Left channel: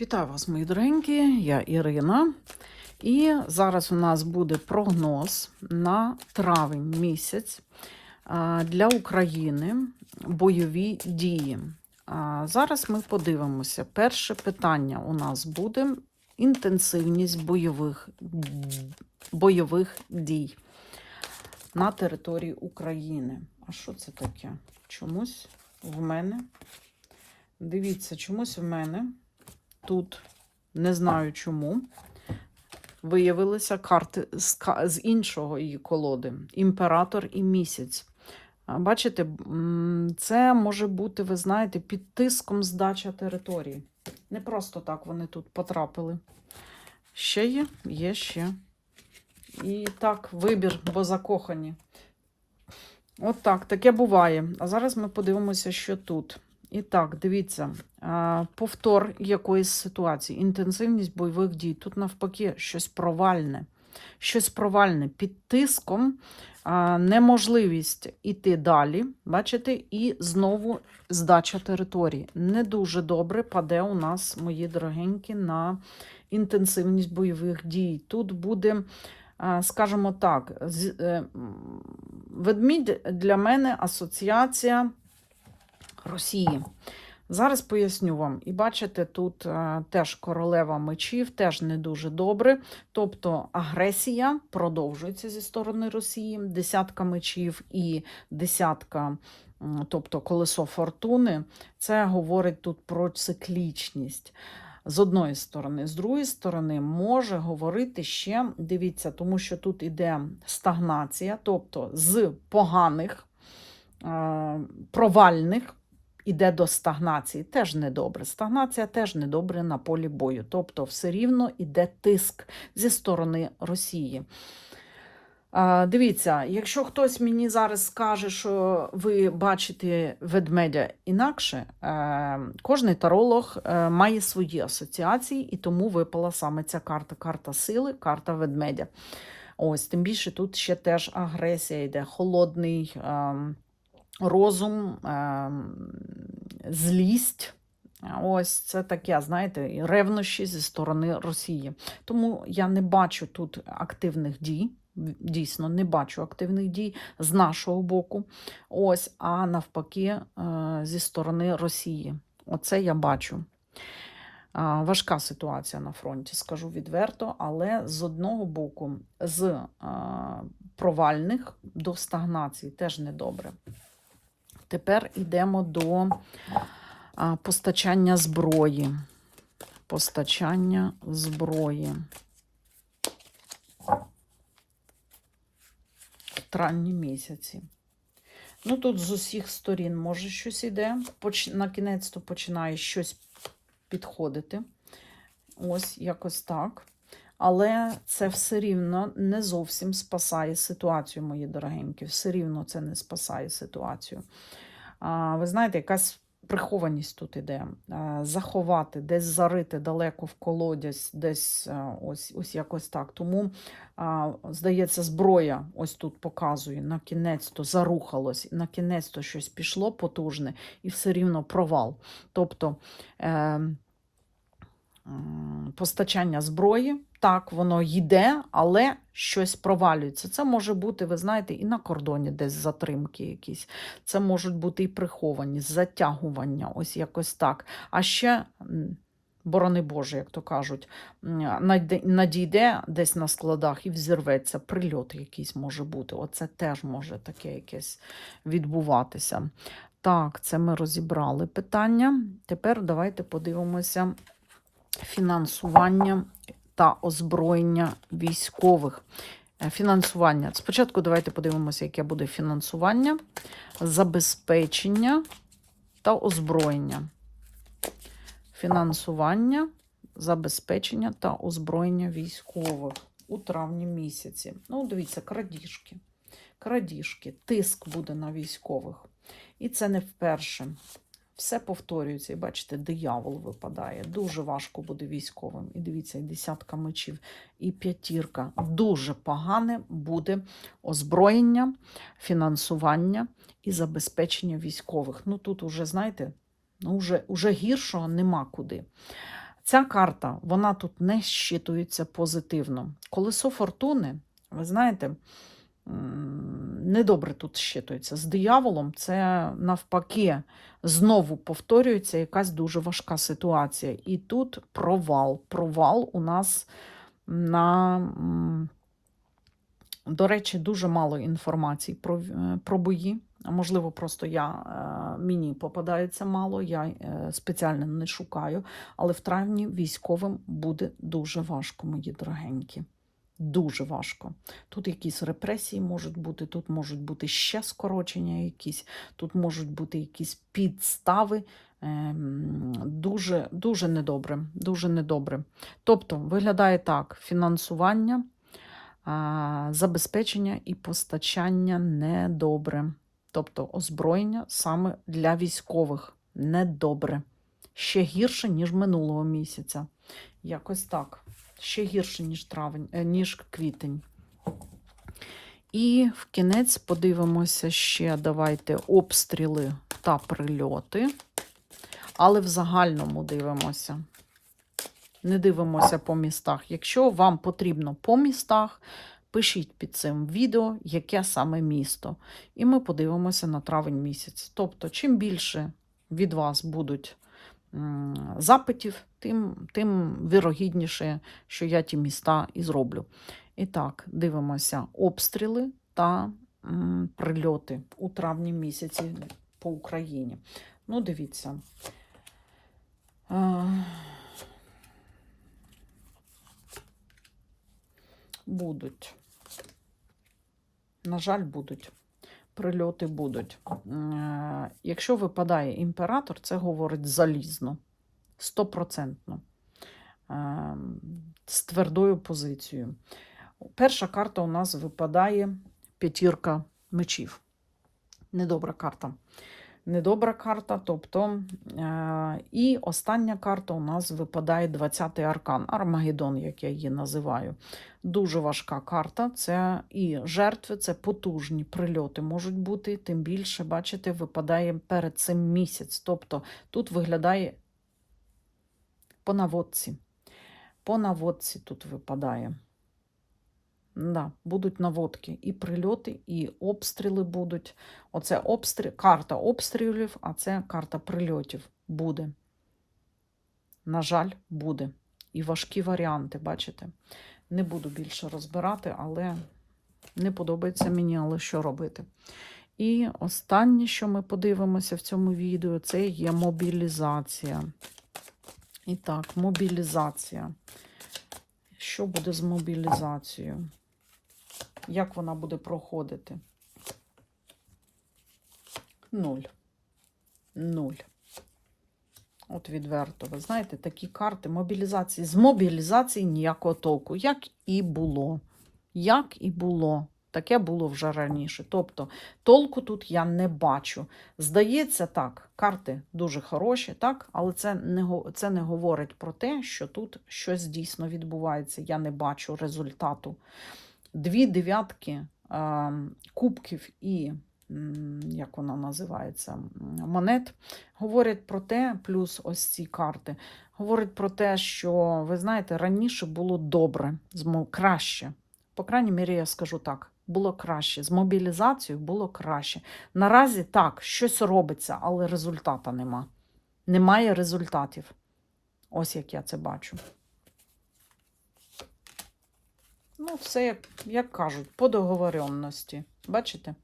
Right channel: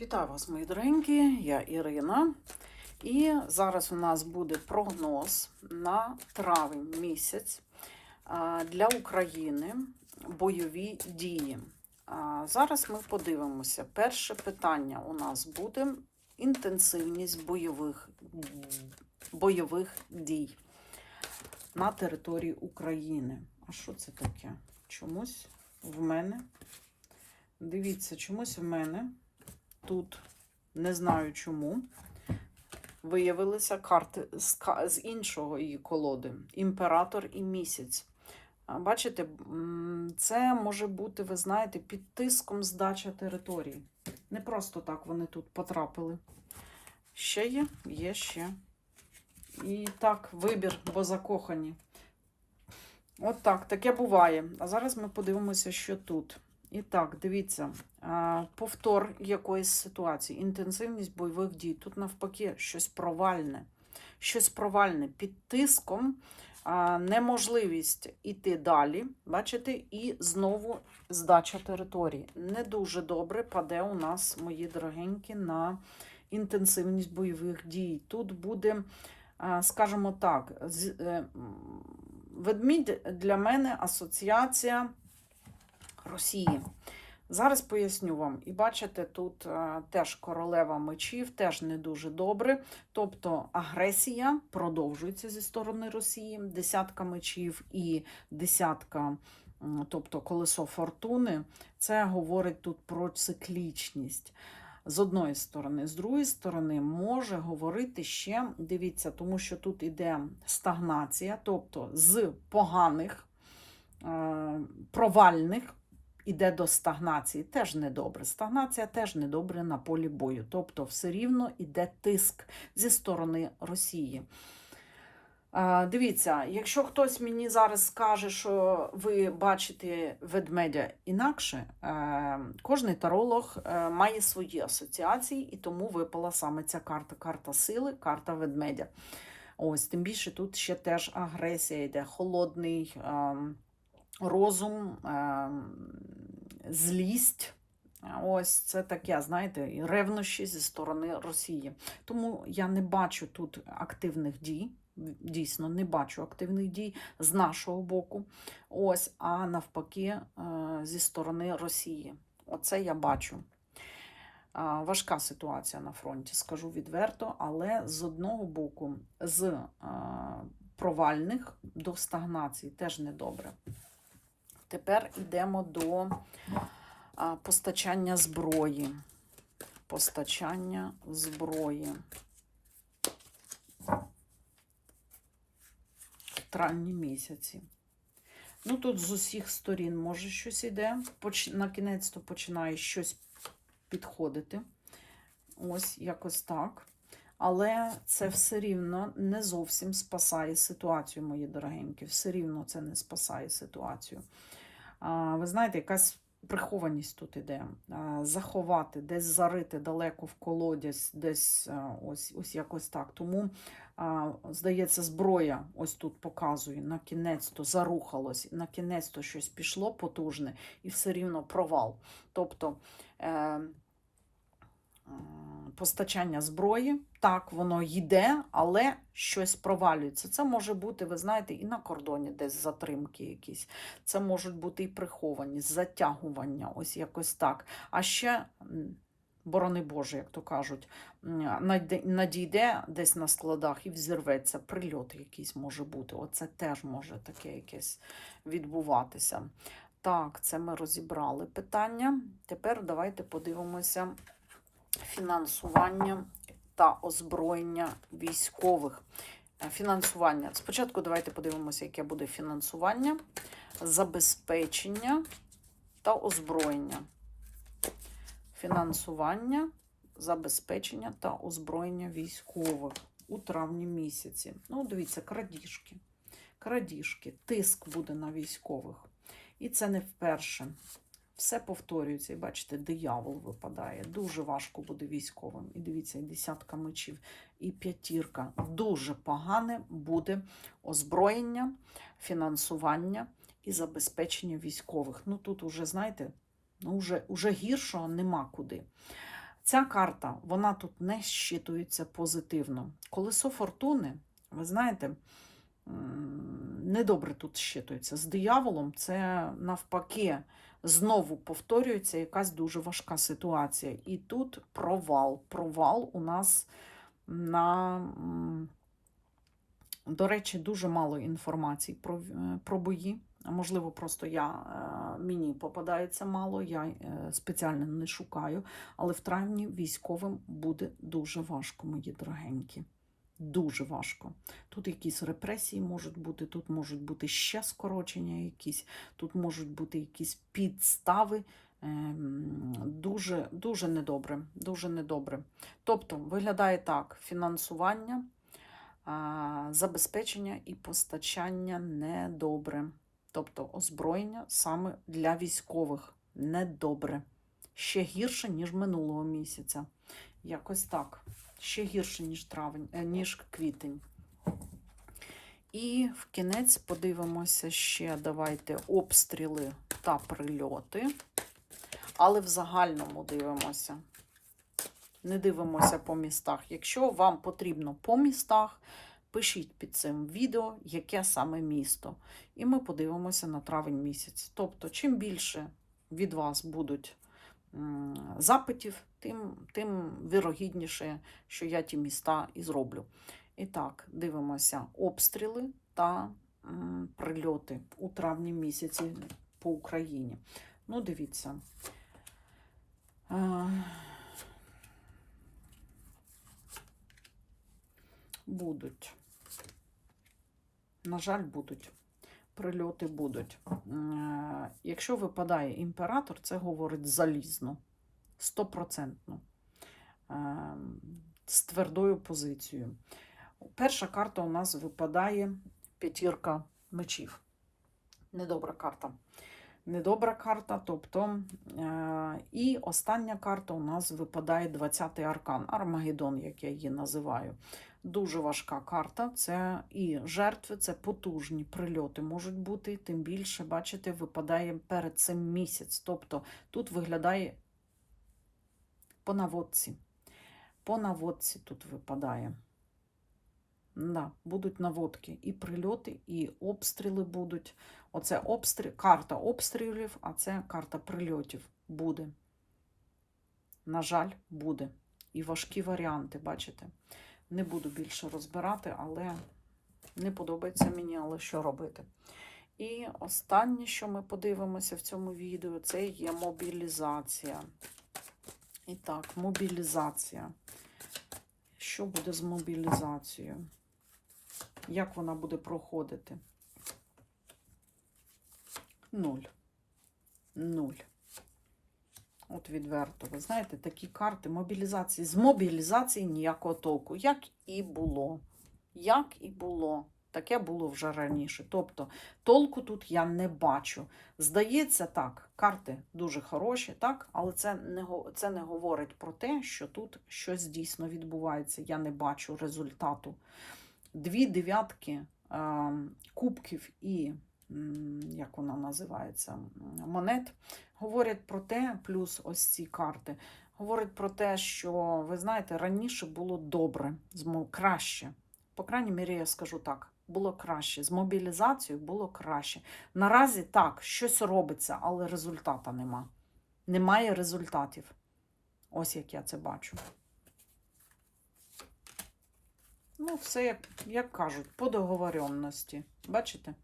Вітаю вас, мої дорогенькі, я Ірина. І зараз у нас буде прогноз на травень місяць для України бойові дії. Зараз ми подивимося. Перше питання у нас буде інтенсивність бойових, бойових дій на території України. А що це таке? Чомусь в мене. Дивіться, чомусь в мене тут, не знаю чому, виявилися карти з, іншого її колоди: Імператор і місяць. Бачите, це може бути, ви знаєте, під тиском здача території. Не просто так вони тут потрапили. Ще є, є ще. І так, вибір, бо закохані. От так, таке буває. А зараз ми подивимося, що тут. І так, дивіться, повтор якоїсь ситуації, інтенсивність бойових дій. Тут навпаки щось провальне. Щось провальне під тиском, неможливість іти далі, бачите, і знову здача території. Не дуже добре паде у нас, мої дорогенькі, на інтенсивність бойових дій. Тут буде, скажімо так, е, ведмідь для мене асоціація. Росії. Зараз поясню вам. І бачите, тут е, теж королева мечів, теж не дуже добре. Тобто агресія продовжується зі сторони Росії, десятка мечів і десятка, тобто колесо фортуни. Це говорить тут про циклічність. З одної сторони, з другої сторони, може говорити ще, дивіться, тому що тут іде стагнація, тобто з поганих, е, провальних іде до стагнації. Теж недобре. Стагнація теж недобре на полі бою. Тобто, все рівно іде тиск зі сторони Росії. Дивіться, якщо хтось мені зараз скаже, що ви бачите ведмедя інакше, е, кожний таролог е, має свої асоціації, і тому випала саме ця карта. Карта сили, карта ведмедя. Ось, тим більше тут ще теж агресія йде, холодний ем, розум, ем, злість. Ось це таке, знаєте, ревнощі зі сторони Росії. Тому я не бачу тут активних дій. Дійсно, не бачу активних дій з нашого боку. Ось, а навпаки, е, зі сторони Росії. Оце я бачу. Важка ситуація на фронті, скажу відверто, але з одного боку, з провальних до стагнації теж недобре. Тепер йдемо до постачання зброї. Постачання зброї. В травні місяці. Ну, тут з усіх сторін може щось іде. На кінець то починає щось підходити. Ось якось так. Але це все рівно не зовсім спасає ситуацію, мої дорогенькі. Все рівно це не спасає ситуацію. Ви знаєте, якась прихованість тут іде. Заховати, десь зарити далеко в колодязь, десь ось, ось якось так. Тому, здається, зброя ось тут показує, на кінець то зарухалось, на кінець то щось пішло потужне, і все рівно провал. Тобто. Е, м, Постачання зброї, так, воно йде, але щось провалюється. Це може бути, ви знаєте, і на кордоні десь затримки якісь. Це можуть бути і приховані, затягування, ось якось так. А ще, борони Боже, як то кажуть, надійде десь на складах і взірветься, прильот якийсь може бути. Оце теж може таке якесь відбуватися. Так, це ми розібрали питання. Тепер давайте подивимося фінансування та озброєння військових. Е, Фінансування. Спочатку давайте подивимося, яке буде фінансування, забезпечення та озброєння. Фінансування, забезпечення та озброєння військових у травні місяці. Ну, дивіться, крадіжки. Крадіжки, тиск буде на військових. І це не вперше. Все повторюється, і бачите, диявол випадає. Дуже важко буде військовим. І дивіться, і десятка мечів, і п'ятірка. Дуже погане буде озброєння, фінансування і забезпечення військових. Ну тут уже, знаєте, ну вже, уже гіршого нема куди. Ця карта, вона тут не щитується позитивно. Колесо фортуни, ви знаєте, недобре тут щитується. З дияволом це навпаки знову повторюється якась дуже важка ситуація. І тут провал. Провал у нас на. До речі, дуже мало інформації про, е, про бої. Можливо, просто я, е, мені попадається мало, я е, спеціально не шукаю. Але в травні військовим буде дуже важко, мої дорогенькі. Дуже важко. Тут якісь репресії можуть бути, тут можуть бути ще скорочення якісь, тут можуть бути якісь підстави. Ем, Дуже, дуже недобре. Дуже недобре. Тобто, виглядає так: фінансування, забезпечення і постачання недобре. Тобто озброєння саме для військових недобре. Ще гірше, ніж минулого місяця. Якось так. Ще гірше, ніж травень, е, ніж квітень. І в кінець подивимося ще, давайте, обстріли та прильоти. Але в загальному дивимося. Не дивимося по містах. Якщо вам потрібно по містах, пишіть під цим відео, яке саме місто. І ми подивимося на травень місяць. Тобто, чим більше від вас будуть запитів, тим, тим вірогідніше, що я ті міста і зроблю. І так, дивимося обстріли та прильоти у травні місяці по Україні. Ну, дивіться. Е, Будуть. На жаль, будуть. Прильоти будуть. Е, Якщо випадає імператор, це говорить залізно, стопроцентно, Е, з твердою позицією. Перша карта у нас випадає п'ятірка мечів. Недобра карта. Недобра карта, тобто, е, і остання карта у нас випадає 20-й аркан, Армагеддон, як я її називаю. Дуже важка карта. Це і жертви, це потужні прильоти можуть бути. Тим більше, бачите, випадає перед цим місяць. Тобто тут виглядає по наводці. По наводці тут випадає. Да, будуть наводки. І прильоти, і обстріли будуть. Оце обстріл, карта обстрілів, а це карта прильотів буде. На жаль, буде. І важкі варіанти, бачите? Не буду більше розбирати, але не подобається мені, але що робити. І останнє, що ми подивимося в цьому відео, це є мобілізація. І так, мобілізація. Що буде з мобілізацією? Як вона буде проходити? Нуль. Нуль. От відверто, ви знаєте, такі карти мобілізації. З мобілізації ніякого толку. Як і було. Як і було. Таке було вже раніше. Тобто, толку тут я не бачу. Здається, так, карти дуже хороші, так, але це не, це не говорить про те, що тут щось дійсно відбувається. Я не бачу результату. Дві дев'ятки е, кубків і, як вона називається, монет говорять про те, плюс ось ці карти, говорять про те, що, ви знаєте, раніше було добре, краще. По крайній мірі, я скажу так. Було краще. З мобілізацією було краще. Наразі так, щось робиться, але результата нема. Немає результатів. Ось як я це бачу. Ну, все, як, кажуть, по договоренності. Бачите?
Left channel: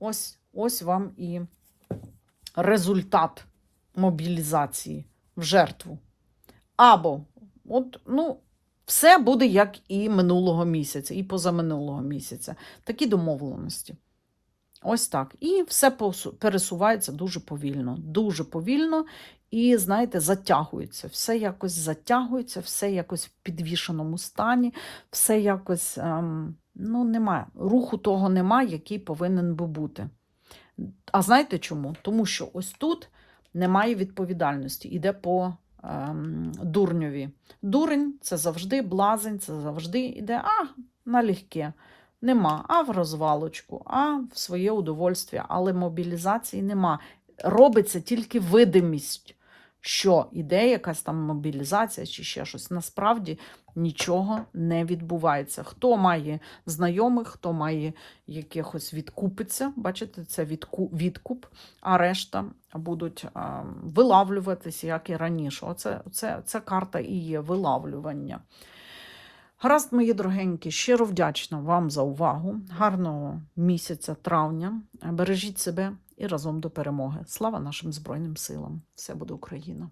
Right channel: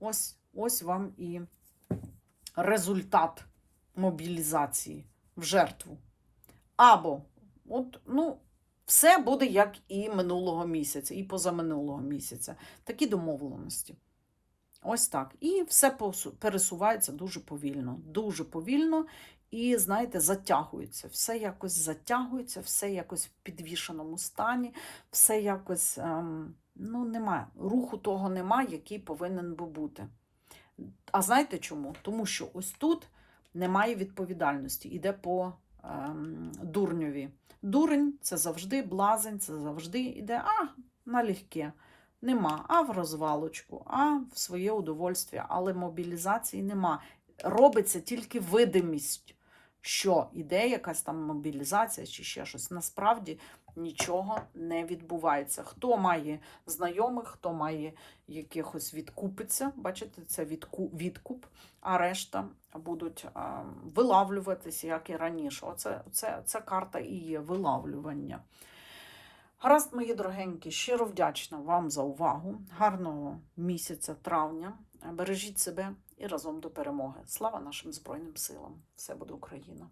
Ось, ось вам і результат мобілізації в жертву. Або, от, ну, все буде як і минулого місяця, і позаминулого місяця. Такі домовленості. Ось так. І все пересувається дуже повільно. Дуже повільно. І, знаєте, затягується. Все якось затягується, все якось в підвішеному стані, все якось ем, ну, немає. Руху того немає, який повинен би бути. А знаєте чому? Тому що ось тут немає відповідальності, іде по ем, дурньові. Дурень це завжди блазень, це завжди іде а, налегке. Нема, а в розвалочку, а в своє удовольствие, але мобілізації нема. Робиться тільки видимість. що іде якась там мобілізація чи ще щось. Насправді нічого не відбувається. Хто має знайомих, хто має якихось відкупиться, бачите, це відку- відкуп, а решта будуть вилавлюватися, як і раніше. Оце, це, це карта і є вилавлювання. Гаразд, мої дорогенькі, щиро вдячна вам за увагу. Гарного місяця травня. Бережіть себе і разом до перемоги. Слава нашим Збройним силам! Все буде Україна!